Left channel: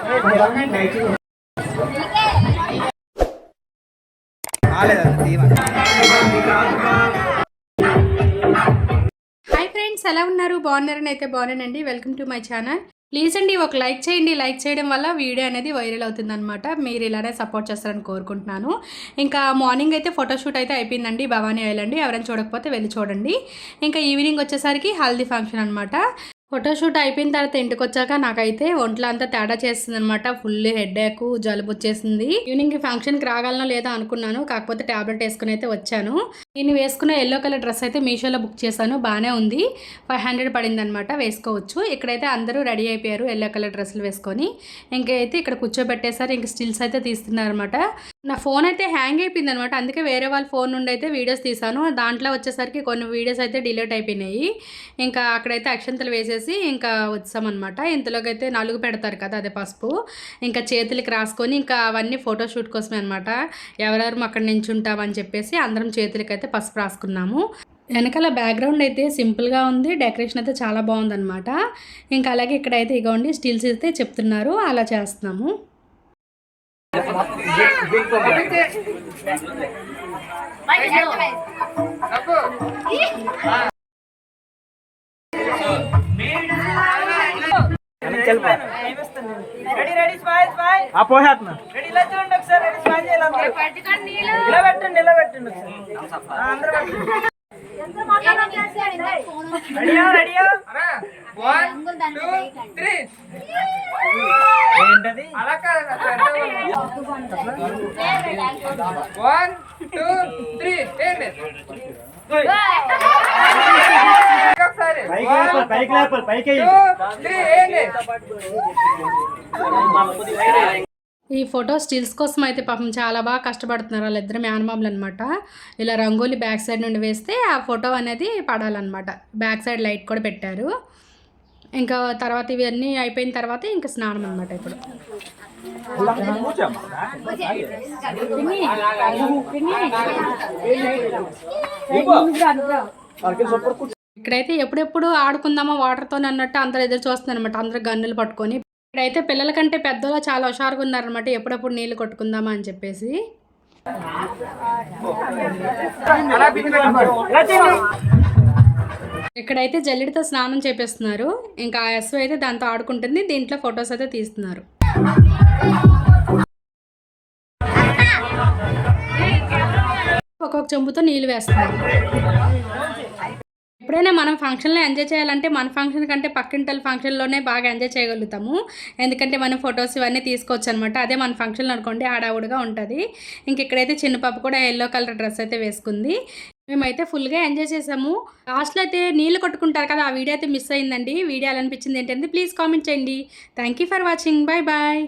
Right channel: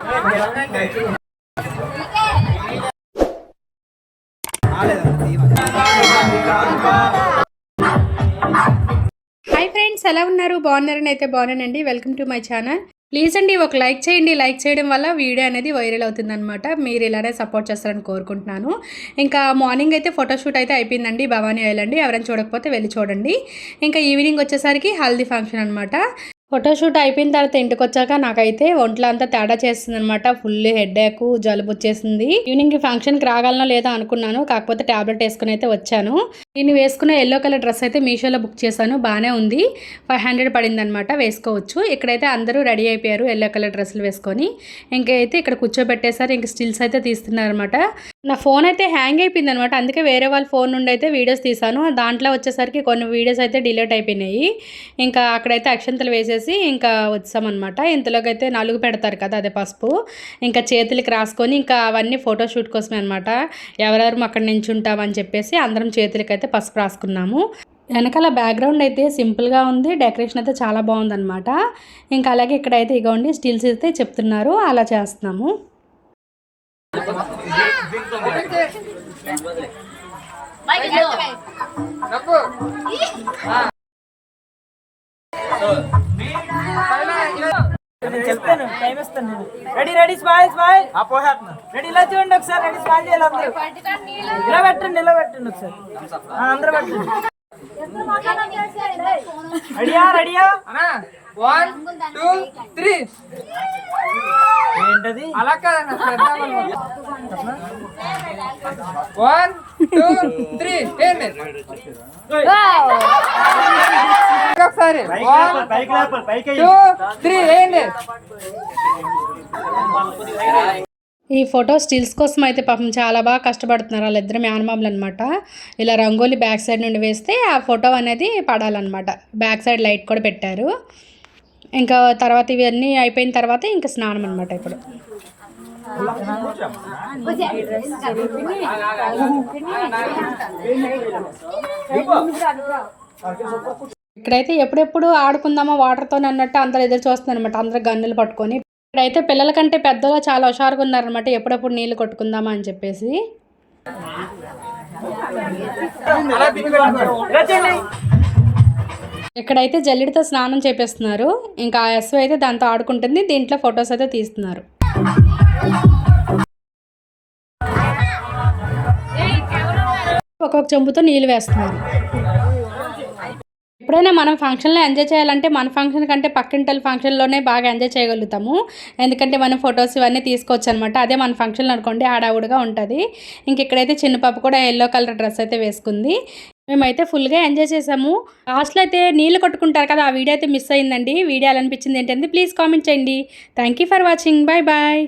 Hi friends, ఎలా ఉన్నారు? బాగున్నారని అయితే బాగున్నానండి. Welcome to my channel. Please అండి ఒక లైక్ చేయండి. లైక్ చేయడం వల్ల వీడియో అనేది వైరల్ అవుతుందన్నమాట. మీరు ఇలానే సపోర్ట్ చేస్తారని కోరుకుంటున్నాను. ఇంకా మార్నింగ్ అయితే ఫోటోషూట్ అయితే అయిపోయిందండి భవానీ ఐలాండ్. ఎవరైనా చూడకపోతే వెళ్ళి చూడండి. ఇంకా ఈవినింగ్ వచ్చేసరికి హల్దీ ఫంక్షన్ అనమాట. ఫోటోషూట్ అయిపోయిన తర్వాత ఇంటికి వచ్చాక నాకైతే ఒంట్లో అంతా తేడా చేస్తుంది అనమాట. ఫుల్ హెడేక్, జలుబు వచ్చేసింది. ఈవినింగ్ ఫంక్షన్కి రాగలనా లేదా అనుకున్నాను. కాకపోతే ట్యాబ్లెట్ వేసుకుని అయితే వచ్చాను. నేను వేసుకున్న ఎల్లో కలర్ డ్రెస్ అయితే మీషోలో బుక్ చేశాను. బాగానే ఉంది. 500 పడింది అనమాట. వేసుకోవచ్చు. ఇక్కడైతే అందరూ రెడీ అయిపోయారు ఎల్లో కలర్ డ్రెస్సులు వేసుకొని. ఇంకైతే ఇక్కడ కూర్చోబెట్టేసారు. ఇంక స్టిల్స్ అయితే తీస్తున్నారు అనమాట. నా ఫోన్ అయితే హ్యాంగ్ అయిపోయింది అనమాట. అందుకే వేరే వాళ్ళ ఫోన్ నుండి అయితే వీడియోస్ తీసాను. దాంట్లో వచ్చేసరికి కొన్ని వీడియోస్ అయితే డిలీట్ అయిపోయినాయి. ఇంకా అక్కడైతే అక్షంతలు వేసేసి ఇంకా వచ్చామన్నమాట. ఇంతలోకి అయితే నలుగు పెడతారు కదా, అదే పసుపు. ఇంకా చేతులకి రాసుకొని ఇంకా అవన్నీ ఫోటోషూట్ కోసమే అనమాట. ఎవరెవరు అక్కడ నించుంటామని చెప్పేసి అందరం చేతులకి అయితే పసుపు రాసుకున్నాము. వెనకాల బ్యాక్గ్రౌండ్ అయితే సింపుల్గా ఉంది. డెకరేషన్ అయితే చాలా బాగుందన్నమాట. ఇంకా అలాగే ఇక్కడైతే ఇగోండి స్టిల్స్ అయితే చెప్తున్నారు, అలా చేస్తున్నాము. Ready ready smile smile ready ఇలా చూడండి ఒకసారి. రెడీ స్మైల్ చేయాలి అందరూ. నిలబెట్టండి ఒకసారి అందరూ పెట్టండి. రెడీయా రెడీయా 1 2 3 ఏంటది అలా కాదన్న 1 2 3 ఏంటి ఒకసారి 1 2 3 ఏంటి. ఈ ఫోటో స్టిల్స్ కోసం అయితే పాపం చాలా బాగా కష్టపడుతున్నారు. వాళ్ళిద్దరు మేనమామలు అనమాట. ఇలా రంగోలీ బ్యాక్ సైడ్ నుండి వేస్తే ఆ ఫోటో అనేది పడాలన్నమాట. బ్యాక్ సైడ్ లైట్ కూడా పెట్టారు. ఇంకా తర్వాత ఇవన్నీ అయిపోయిన తర్వాత ఇంకా స్నానం అనమాట. ఇప్పుడు ఇక్కడైతే ఎప్పుడెప్పుడు ఆడుకుందామా వాటర్తో అన్నట్టు అందరు ఎదురు చూస్తున్నారు అనమాట. అందరు గన్నులు పట్టుకొని. ఇక్కడైతే పిల్లల కంటే పెద్దగా చాలా హుషారుగా ఉన్నారనమాట. ఎప్పుడెప్పుడు నీళ్ళు కొట్టుకుందామా అని చెప్పేసి. ఇక్కడైతే జల్లెడితో స్నానం చేపిస్తున్నారు. ఇంకా ఆ ఎస్ అయితే దాంతో ఆడుకుంటుంది. దీంట్లో ఫొటోస్ అయితే తీస్తున్నారు. ఒక్కొక్క చెంబుతో నీళ్ళు వేస్తున్నారు. ఎప్పుడైనా మనం ఫంక్షన్లో ఎంజాయ్ చేయాలంటే మన ఫంక్షన్ కంటే పక్కింటల ఫంక్షన్లోనే బాగా ఎంజాయ్ చేయగలుగుతాము. ఎందుకంటే మనం ఫొటోస్ ఇవన్నీ తీసుకోవచ్చు అనమాట. అదే మన ఫంక్షన్లో అనుకోండి హడావుడిగా ఉంటుంది. ఇంక ఇక్కడైతే చిన్న పాప కూడా ఎల్లో కలర్ డ్రెస్ అయితే వేసుకుంది. మేమైతే ఫుల్గా ఎంజాయ్ చేసాము. లాస్ట్లో అయితే నీళ్ళు కొట్టుకుంటారు కదా, ఆ వీడియో అయితే మిస్ అయిందండి. వీడియో ఎలా అనిపించింది ఏంటంటే ప్లీజ్ కామెంట్ చేయండి. Thank you for watching. Bye bye.